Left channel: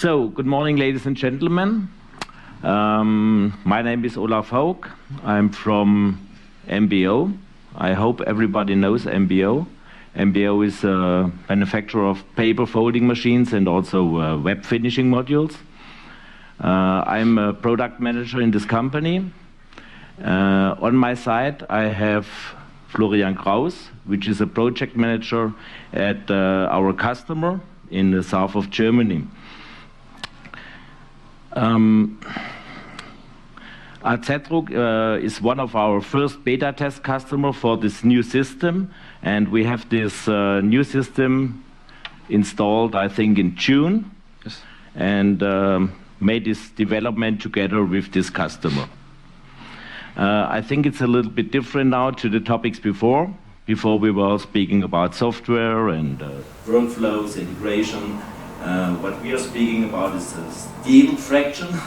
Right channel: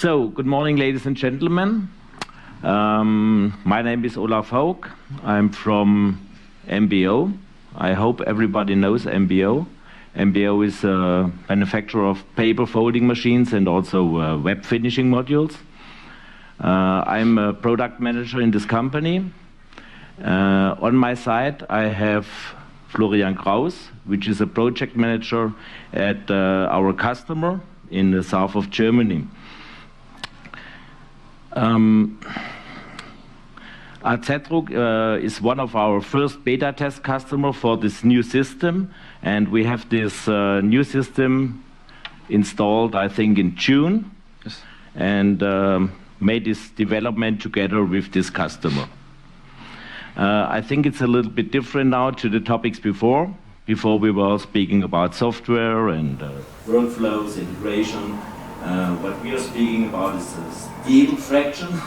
So, good morning, ladies and gentlemen. My name is Olaf Haug. I'm from MBO. I hope everybody knows MBO. MBO is a manufacturer of paper folding machines and also web finishing modules. I'm a product manager in this company. On my side, I have Florian Kraus, which is a project manager at our customer in the south of Germany. Zetrug is one of our first beta test customer for this new system, and we have this new system installed, I think, in June, yes. And made this development together with this customer. I think it's a little bit different now to the topics before. Before we were speaking about software and workflows, integration. What we are speaking about is a steel fraction,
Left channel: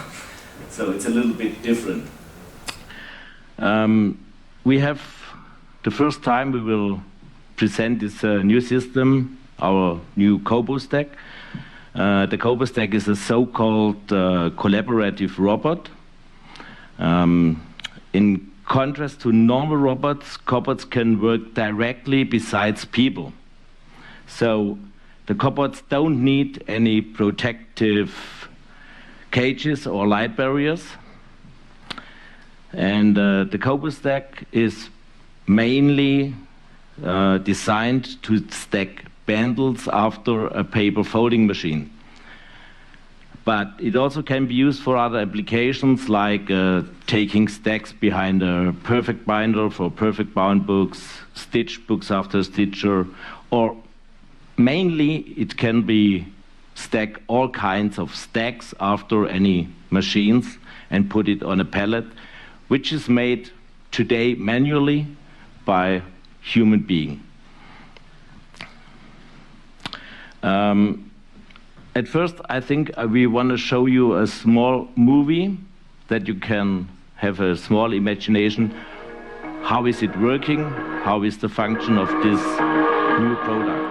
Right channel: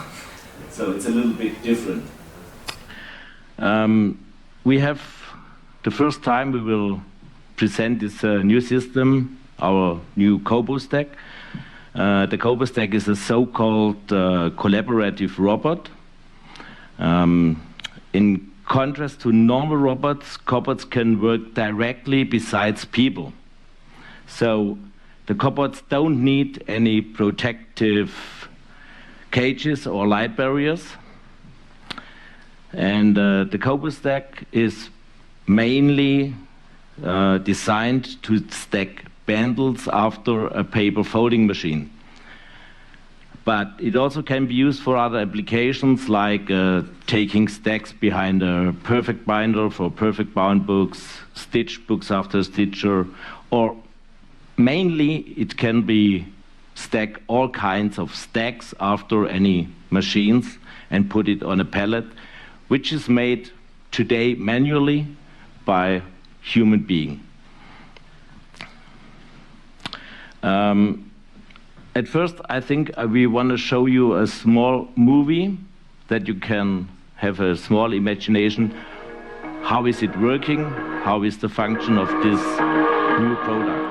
so it's a little bit different. We have the first time we will present this new system, our new Kobo stack. The Kobo stack is a so-called collaborative robot. In contrast to normal robots, cobots can work directly besides people. So the cobots don't need any protective cages or light barriers. And the Kobo stack is mainly designed to stack bundles after a paper folding machine. But it also can be used for other applications like taking stacks behind a perfect binder for perfect bound books, stitched books after a stitcher, or mainly it can be stack all kinds of stacks after any machines and put it on a pallet, which is made today manually by human being. At first, I think we want to show you a small movie that you can have a small imagination. How is it working? How is the function of this new product?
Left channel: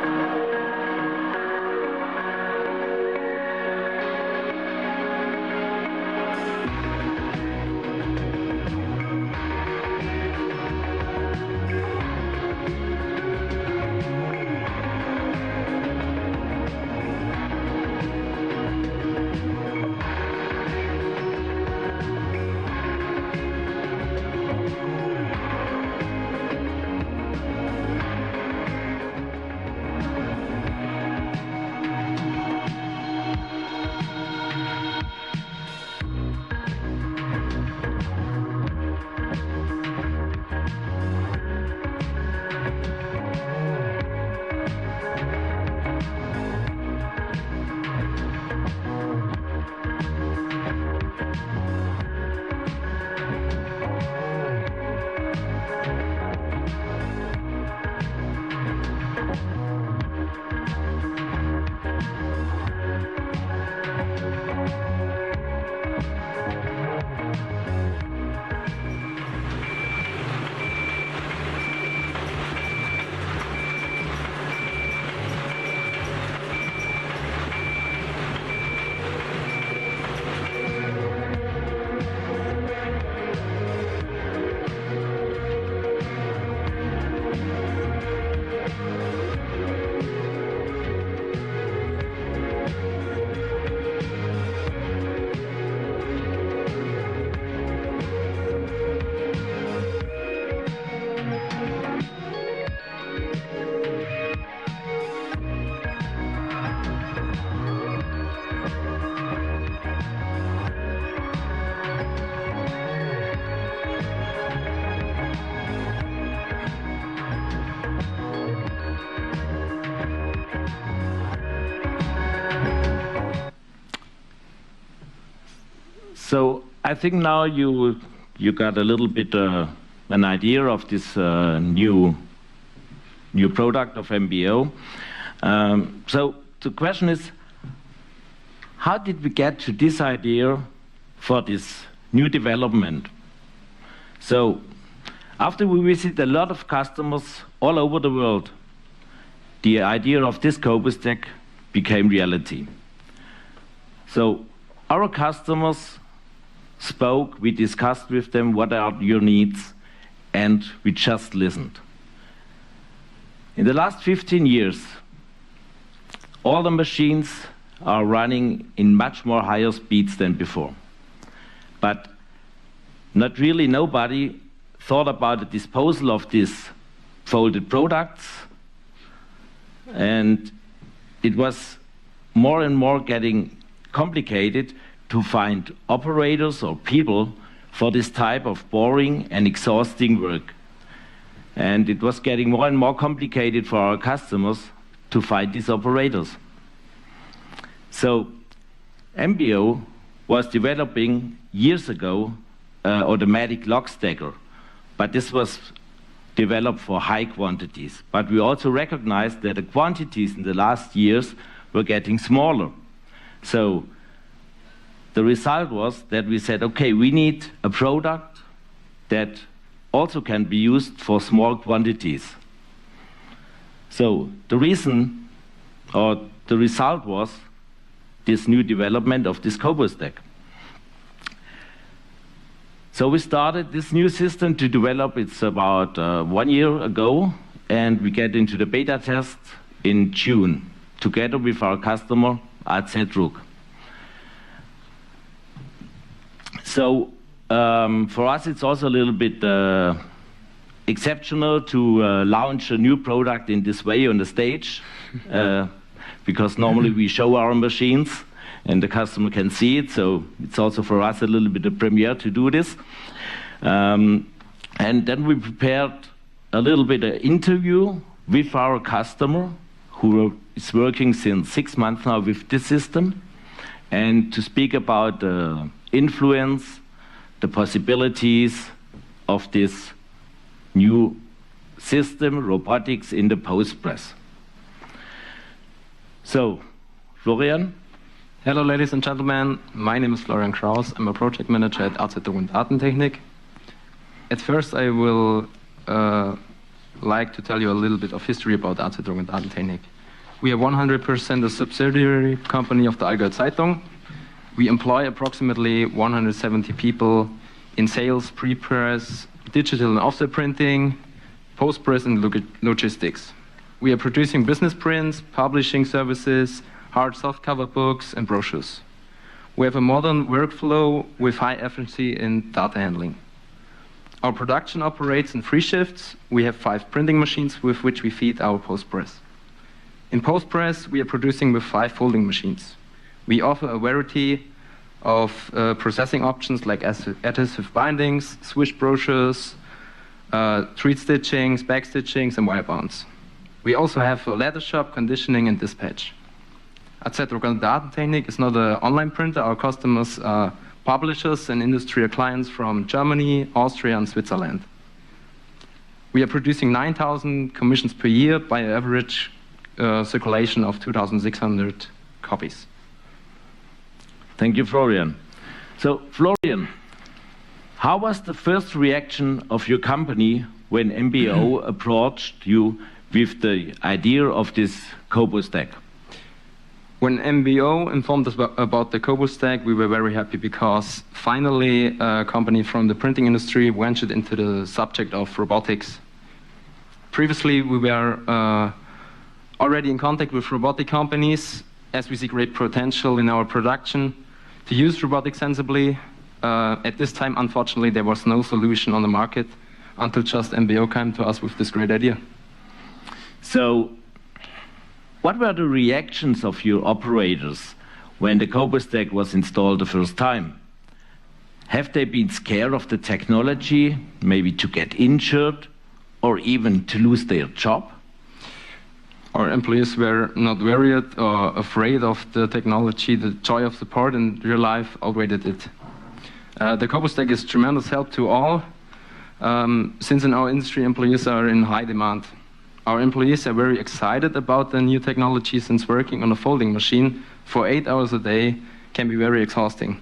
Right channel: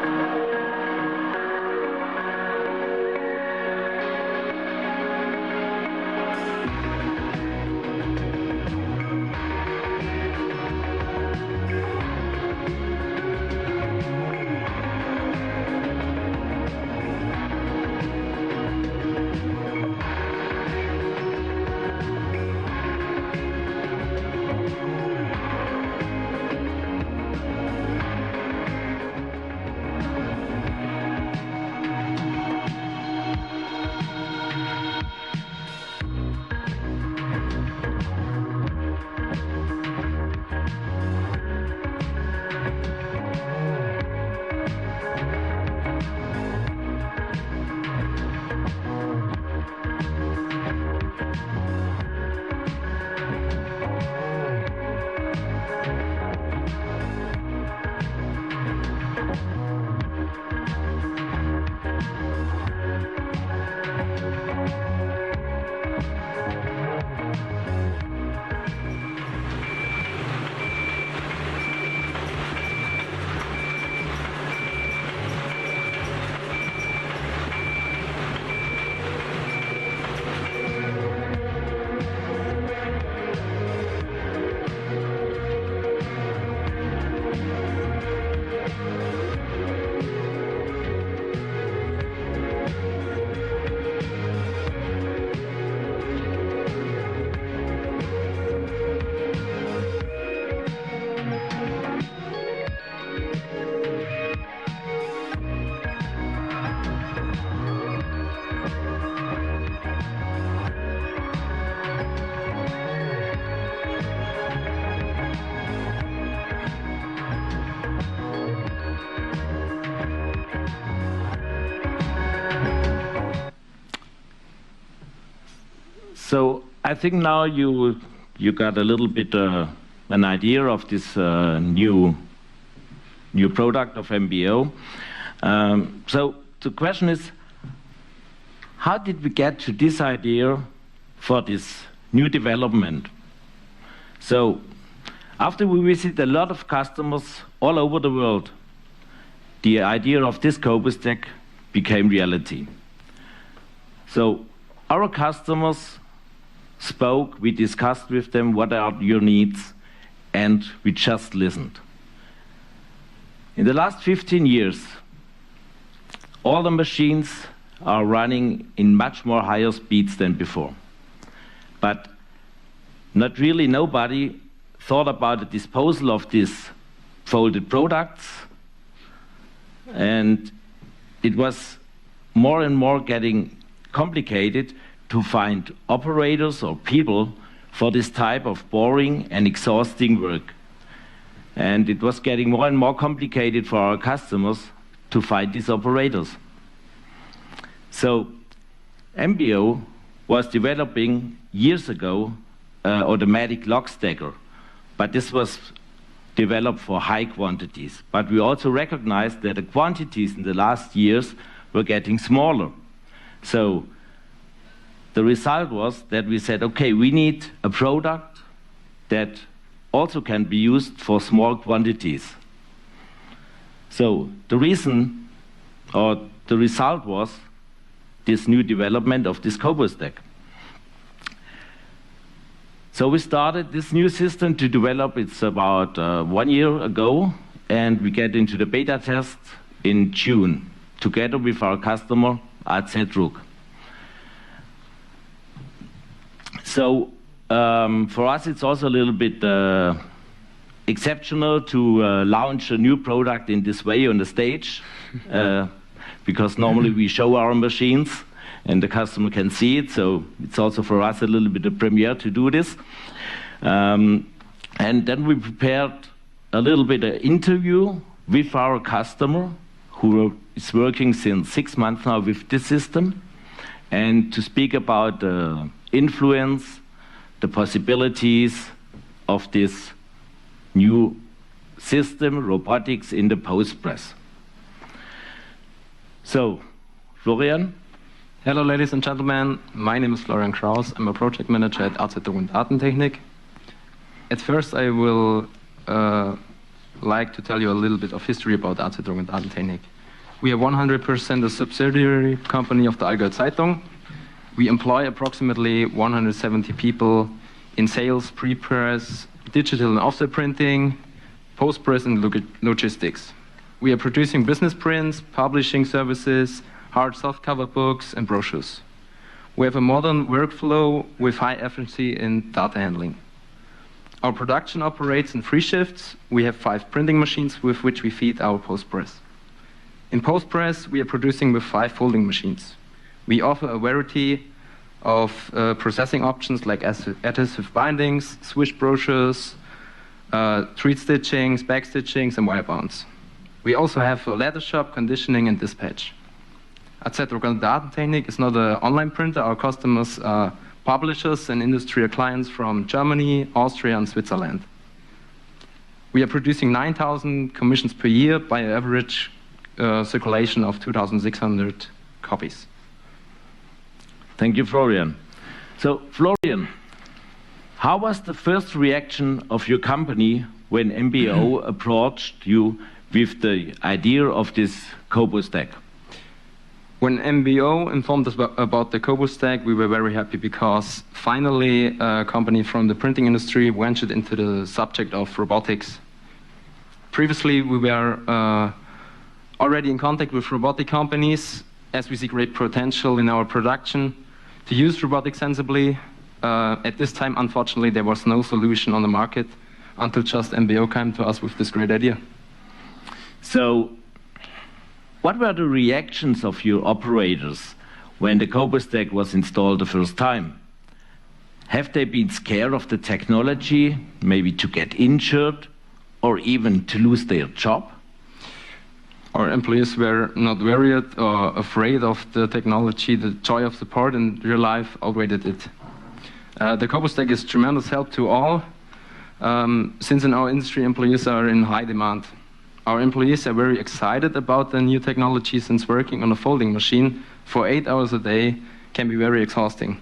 So I think now you got a little bit an idea of this new product of MBO. So the question is, how did we get to this idea for this new development? So after we visit a lot of customers all over the world, the idea of this Kobo stack became reality. So our customers spoke, we discussed with them what are your needs, and we just listened. In the last 15 years, all the machines are running in much more higher speeds than before. But not really nobody thought about the disposal of these folded products, and it was more and more getting complicated to find operators or people for this type of boring and exhausting work. And it was getting more and more complicated for our customers to find these operators. So MBO was developing years ago automatic lock stacker, but this was developed for high quantities. But we also recognized that the quantities in the last years were getting smaller. So the result was that we said, okay, we need a product that also can be used for small quantities. So the reason, or the result was this new development of this CoboStack. So we started this new system to develop, it's about 1 year ago, and we get into the beta test in June, together with our customer, AZ. So for us, it's also a little bit exceptional to launch a new product in this way on the stage, because normally we show our machines and the customer can see it. So it's also for us a little bit of premiere to do this. And then we prepared a little bit of interview with our customer, who is working since 6 months now with this system, and to speak about the influence, the possibilities of this new system, robotics in the post-press. So, Florian? Hello, ladies and gentlemen. My name is Florian Kraus. I'm a project manager at AZ Datentechnik. At first, I will like to tell you a little bit of history about AZ Datentechnik. We are 100% a subsidiary company of the Allgäu Zeitung. We employ approximately 170 people in sales, pre-press, digital and offset printing, post-press, and logistics. We are producing business prints, publishing services, hard softcover books, and brochures. We have a modern workflow with high efficiency in data handling. Our production operates in 3 shifts. We have 5 printing machines with which we feed our post-press. In post-press, we are producing with 5 folding machines. We offer a variety of processing options like adhesive bindings, swish brochures, treat stitchings, back stitchings, and wire bonds. We also have a leather shop, conditioning, and dispatch. AZ Datentechnik is not an online printer. Our customers are publishers and industrial clients from Germany, Austria, and Switzerland. We are producing 9,000 commissions per year by an average circulation of 2,600 copies. Thank you, Florian. So, Florian, how was the first reaction of your company when MBO approached you with the idea of this CoboStack? When MBO informed us about the CoboStack, we were very happy because finally a company from the printing industry ventured into the subject of robotics. Previously, we were already in contact with robotic companies, as we see great potential in our production to use robotics sensibly. At this time, unfortunately, there was no solution on the market until just MBO came to us with this great idea. So, what were the reactions of your operators when the CoboStack was installed the first time? Have they been scared of the technology, maybe to get injured, or even to lose their job? Our employees were not worried or afraid of the technology. The joy of support in real life outweighed it. The CoboStack is tremendous help to all, since in our industry employees are in high demand. Our employees are very excited about the new technology, since working on a folding machine for 8 hours a day can be very exhausting.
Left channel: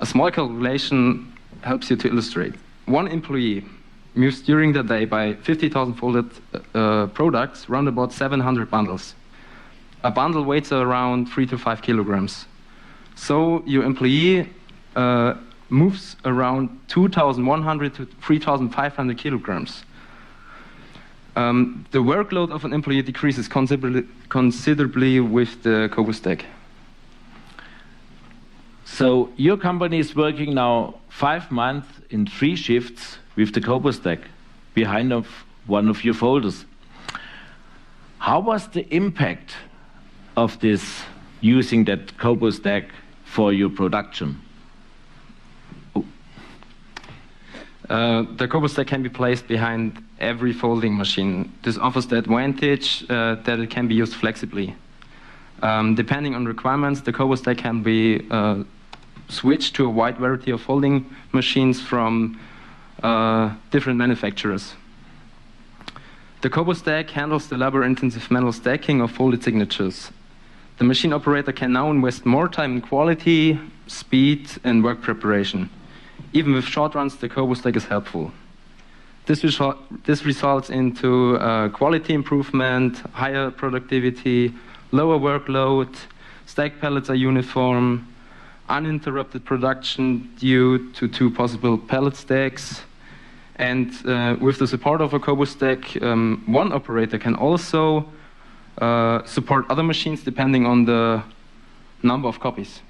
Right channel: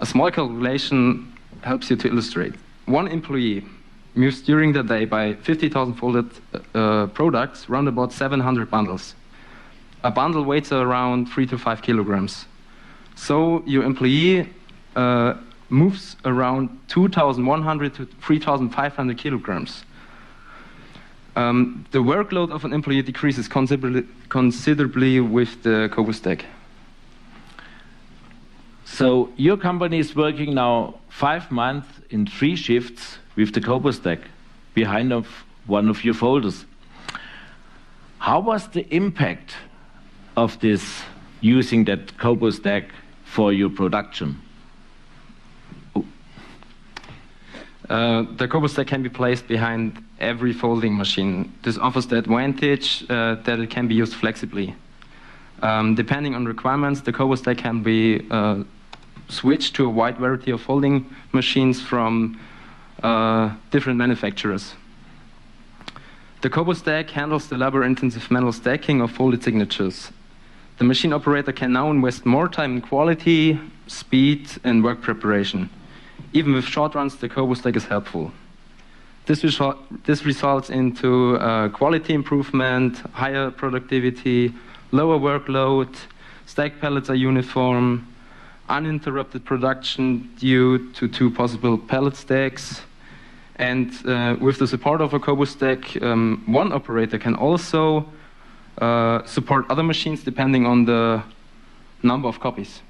A small calculation helps you to illustrate. One employee moves during the day by 50,000 folded products, round about 700 bundles. A bundle weighs around 3 to 5 kilograms. So your employee moves around 2,100 to 3,500 kilograms. The workload of an employee decreases considerably with the Kobo stack. So your company is working now 5 months in 3 shifts with the Kobo stack behind one of your folders. How was the impact of this using that Kobo stack for your production? The Kobo stack can be placed behind every folding machine. This offers the advantage that it can be used flexibly. Depending on requirements, the Kobo stack can be switched to a wide variety of folding machines from different manufacturers. The Kobo stack handles the labor-intensive manual stacking of folded signatures. The machine operator can now invest more time in quality, speed, and work preparation. Even with short runs, the Kobo stack is helpful. This results into quality improvement, higher productivity, lower workload, stack pallets are uniform, uninterrupted production due to 2 possible pallet stacks. And with the support of a Kobo stack, one operator can also support other machines depending on the number of copies.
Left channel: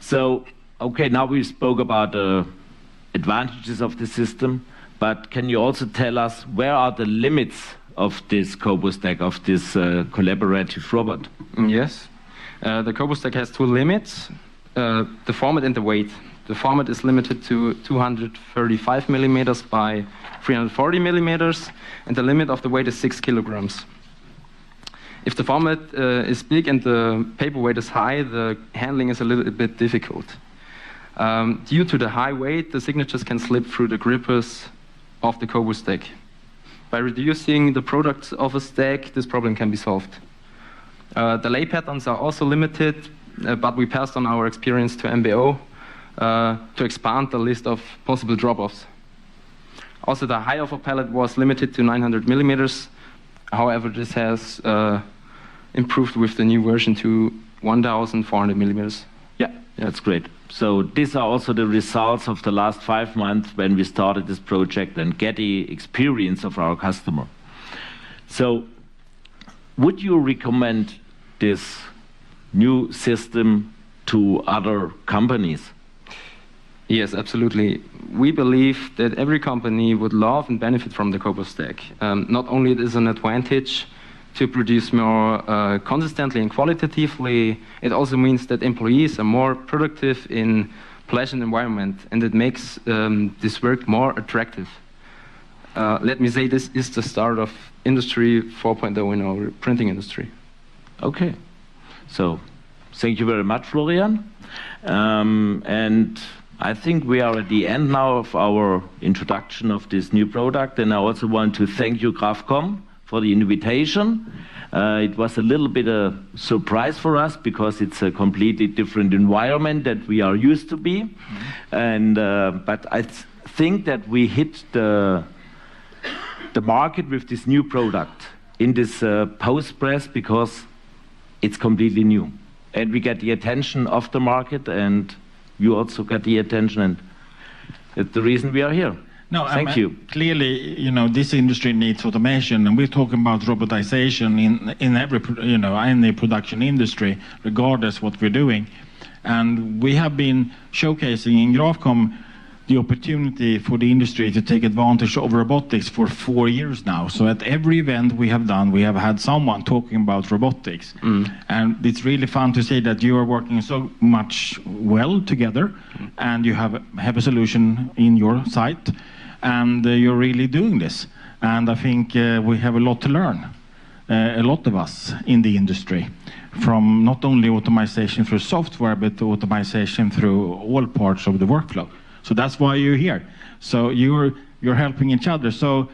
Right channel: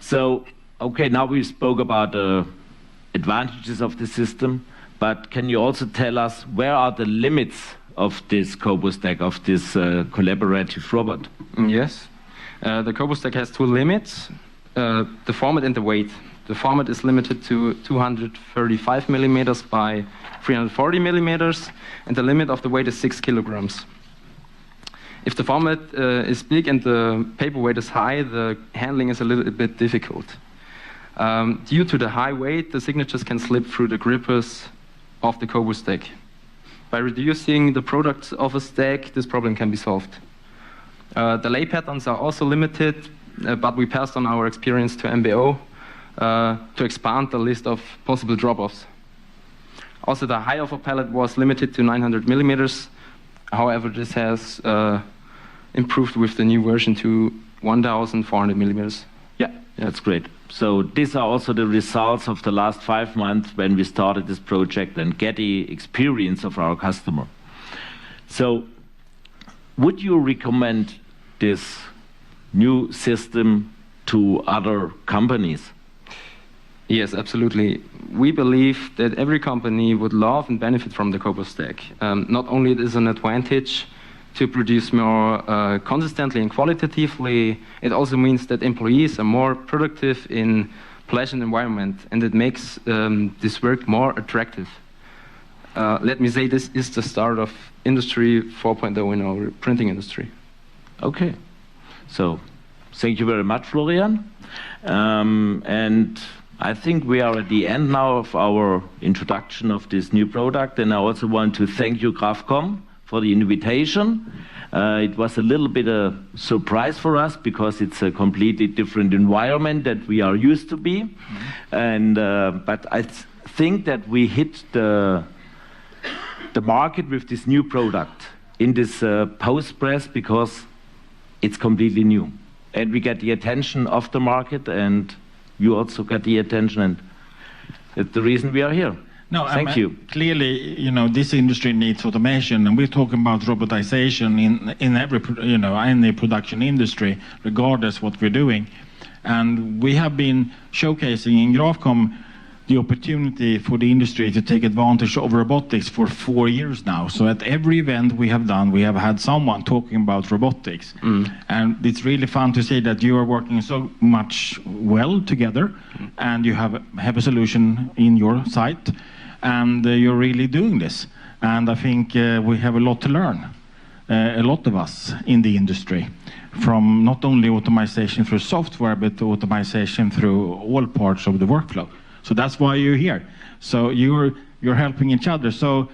So, okay, now we spoke about the advantages of the system, but can you also tell us where are the limits of this Kobo stack, of this collaborative robot? Yes, the Kobo stack has 2 limits, the format and the weight. The format is limited to 235 millimeters by 340 millimeters, and the limit of the weight is 6 kilograms. If the format is big and the paper weight is high, the handling is a little bit difficult. Due to the high weight, the signatures can slip through the grippers of the Kobo stack. By reducing the products of a stack, this problem can be solved. The lay patterns are also limited, but we passed on our experience to MBO to expand the list of possible drop-offs. Also, the height of a pallet was limited to 900 millimeters. However, this has improved with the new version to 1,400 millimeters. Yeah, that's great. So these are also the results of the last 5 months when we started this project and get the experience of our customer. So would you recommend this new system to other companies? Yes, absolutely. We believe that every company would love and benefit from the Kobo stack. Not only it is an advantage to produce more consistently and qualitatively, it also means that employees are more productive in pleasant environment, and it makes this work more attractive. Let me say this is the start of Industry 4.0 in our printing industry. Okay, so thank you very much, Florian. And I think we are at the end now of our introduction of this new product, and I also want to thank you, Grafcom, for the invitation. It was a little bit a surprise for us because it's a completely different environment that we are used to be. And but I think that we hit the market with this new product in this post press because it's completely new, and we get the attention of the market, and you also get the attention, and it's the reason we are here. No, thank you. Clearly, you know, this industry needs automation, and we're talking about robotization in every, you know, in the production industry, regardless what we're doing. And we have been showcasing in Grafcom the opportunity for the industry to take advantage of robotics for 4 years now. So at every event we have done, we have had someone talking about robotics. And it's really fun to see that you are working so much well together, and you have a solution in your site, and you're really doing this. And I think we have a lot to learn, a lot of us in the industry, from not only automation through software, but automation through all parts of the workflow. So that's why you're here. So you're helping each other. So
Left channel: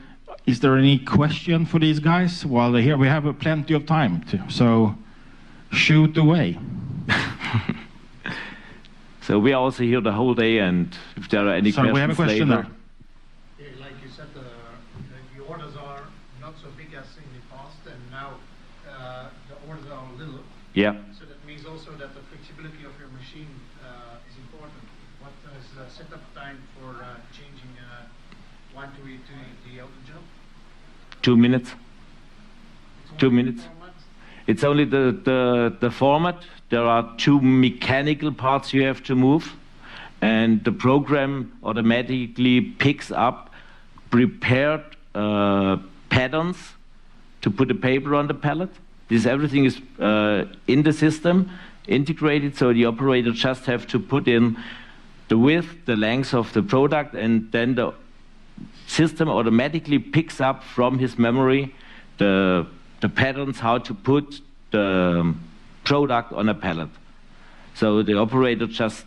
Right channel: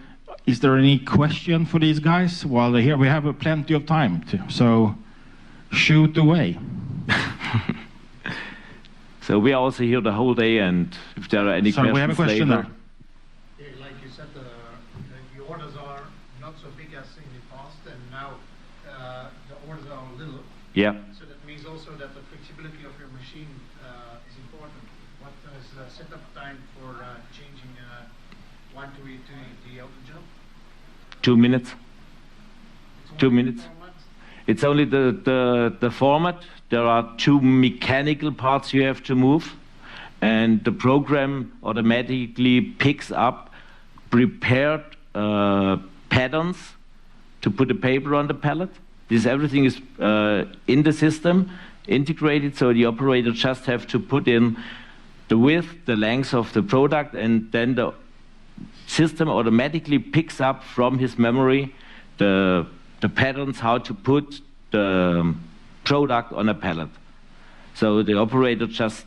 is there any question for these guys while they're here? We have plenty of time, so shoot away. So we are also here the whole day, and if there are any questions we have a question later. Yeah, like you said, the orders are not so big as in the past, and now the orders are a little Yeah. So that means also that the flexibility of your machine is important. What is the setup time for changing one to the other job? 2 minutes. It's 2 only minutes. 4 months? It's only the format. There are 2 mechanical parts you have to move, and the program automatically picks up prepared patterns to put the paper on the pallet. This everything is in the system, integrated, so the operator just have to put in the width, the length of the product, and then the system automatically picks up from his memory the patterns how to put the product on a pallet. So the operator just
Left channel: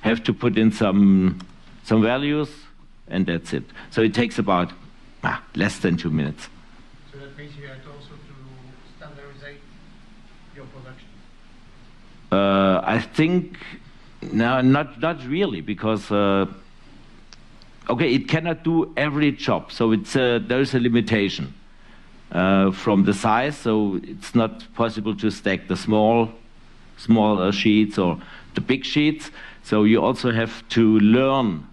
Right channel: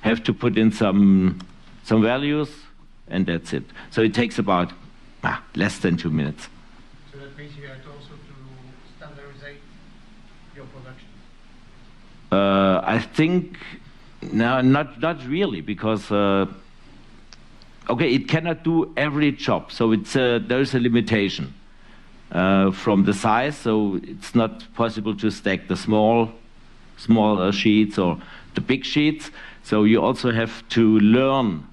have to put in some values, and that's it. So it takes about less than 2 minutes. So that means you have to also to standardize your production. I think no, not really, because okay, it cannot do every job. So it's there's a limitation from the size. So it's not possible to stack the small sheets or the big sheets. So you also have to learn.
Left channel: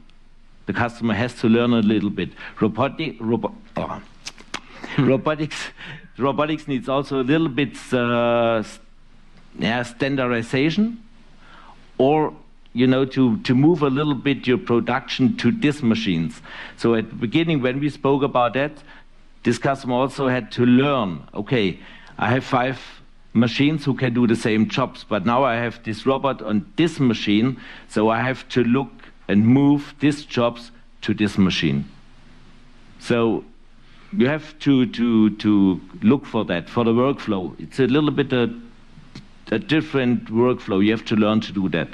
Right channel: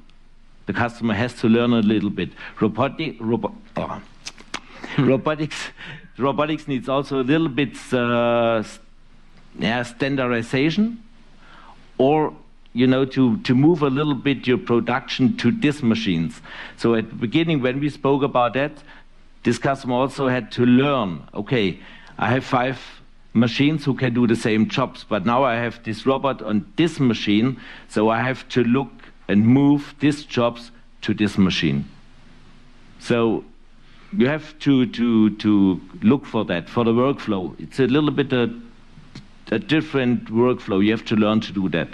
The customer has to learn a little bit. Robotics needs also a little bit standardization, or to move a little bit your production to these machines. So at the beginning, when we spoke about that, this customer also had to learn. Okay, I have 5 machines who can do the same jobs, but now I have this robot on this machine, so I have to look and move these jobs to this machine. So you have to look for that, for the workflow. It's a little bit a different workflow. You have to learn to do that.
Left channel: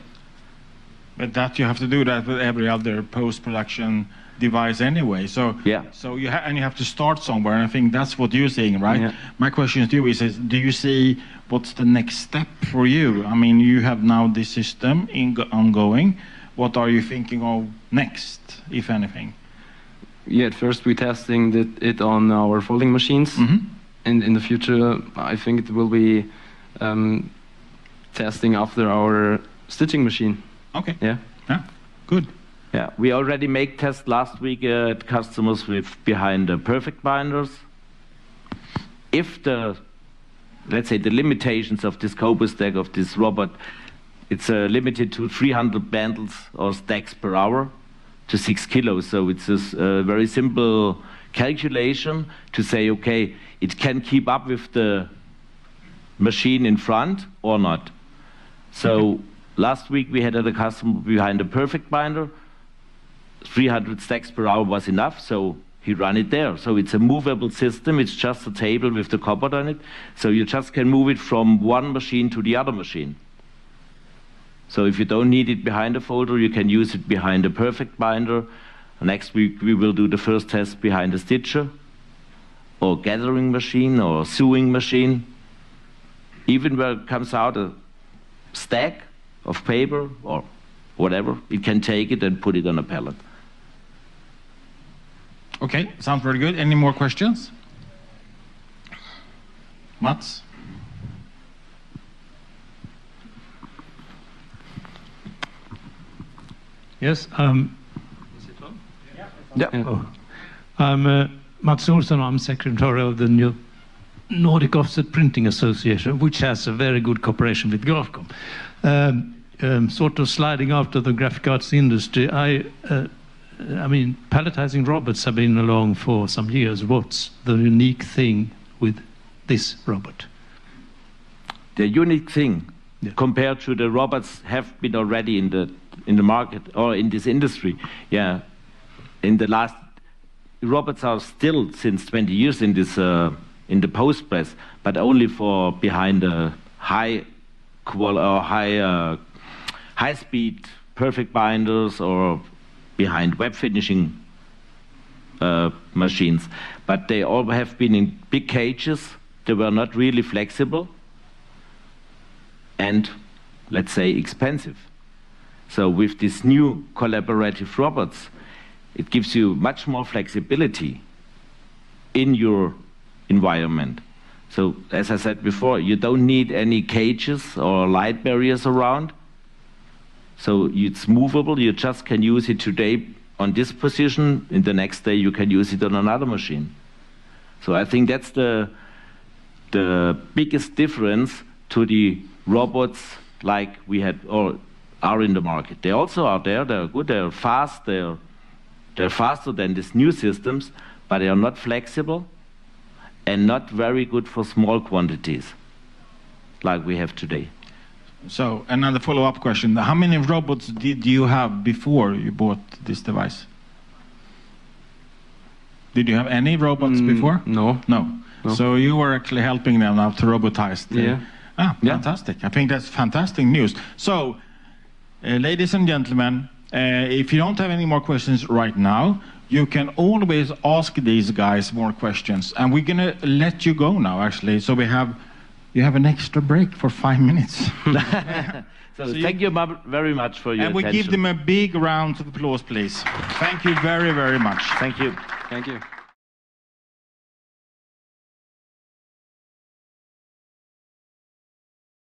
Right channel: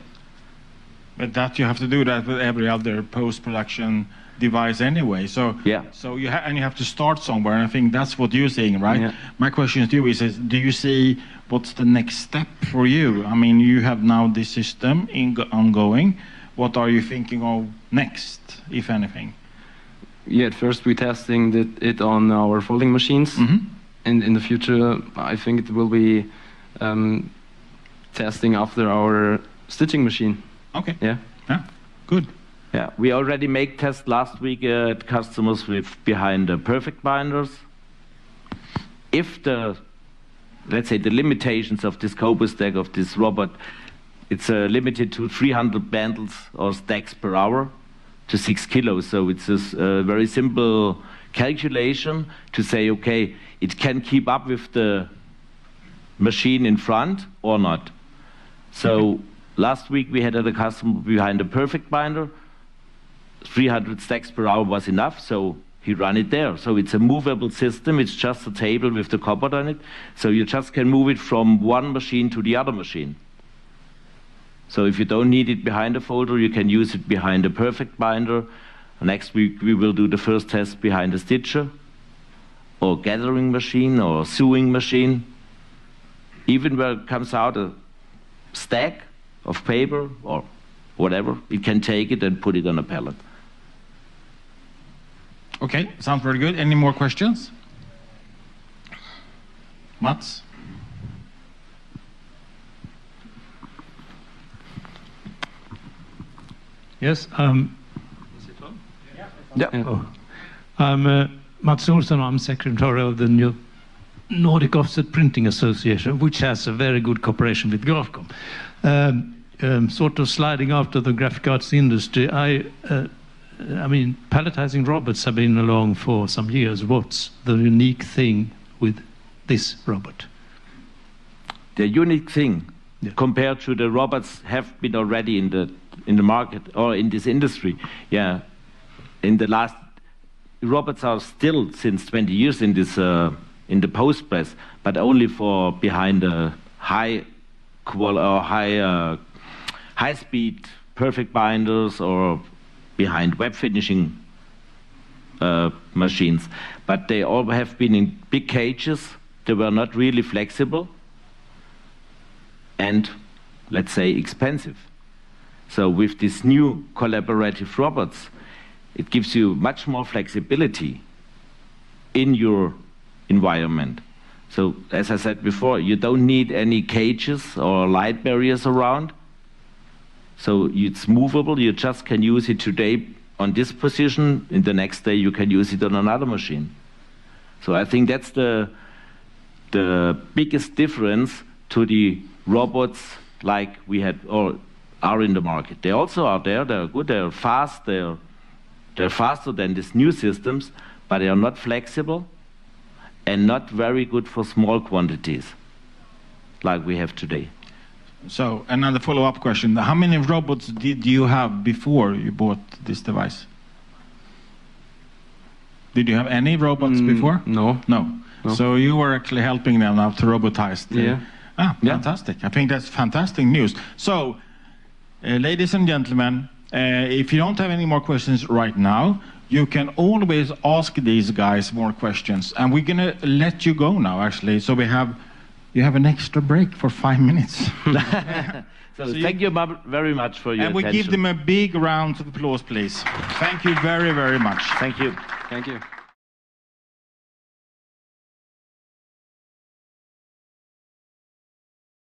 But that you have to do that with every other post-production device anyway. So yeah. So you have to start somewhere, and I think that's what you're saying, right? Yeah. My question to you is do you see what's the next step for you? I mean, you have now this system ongoing. What are you thinking of next, if anything? Yeah, at first we're testing it on our folding machines, and in the future I think it will be testing after our stitching machine. Okay. Yeah. Yeah. Good. Yeah, we already make tests last week at customers with behind the perfect binders. If let's say the limitations of this Cobra stack of this robot, it's limited to 300 bundles or stacks per hour to 6 kilos. So it's a very simple calculation to say, okay, it can keep up with the machine in front or not. So last week we had a customer behind a perfect binder. 300 stacks per hour was enough, so he ran it there. So it's a movable system. It's just a table with the cupboard on it. So you just can move it from one machine to the other machine. So if you don't need it behind a folder, you can use it behind a perfect binder. Next week we will do the first test behind a stitcher or gathering machine or sewing machine. Even where it comes out a stack of paper or whatever, it can take it and put it on a pallet. Okay, sounds very good. Any more questions? Mats? Yes, Yeah. oh. I'm Mats Olsson. I'm secretary of the Nordic Offset Printing Association, which has a very good cooperation with Grafcom. Sort of sliding after the graphic arts industry, I mean, palletizing robots have been along for some years. What's the unique thing with this robot? The unique thing, compared to the robots have been already in the market or in this industry, in the last, robots are still since 20 years in this in the post press, but only for behind the high speed perfect binders or behind web finishing machines. But they all have been in big cages. They were not really flexible and, let's say, expensive. So with these new collaborative robots, it gives you much more flexibility in your environment. So, as I said before, you don't need any cages or light barriers around. So it's movable. You just can use it today on this position. In the next day, you can use it on another machine. So I think that's the biggest difference to the robots like we had or are in the market. They also are there. They're good. They're fast. They're faster than these new systems, but they are not flexible and not very good for small quantities like we have today. So another follow-up question. How many robots did you have before you bought this device? Did you have any robots before? No. No. So you were actually helping them now to robotize. Yeah. Fantastic. I think that's fantastic news. So, ladies and gentlemen, if you don't have any more questions right now, you can always ask these guys more questions. And we're going to let you go now, actually. So you have an extra break for 5 minutes. So thank you very much for your attention. And we give them a big round of applause, please. Thank you very, very much. Thank you. Thank you.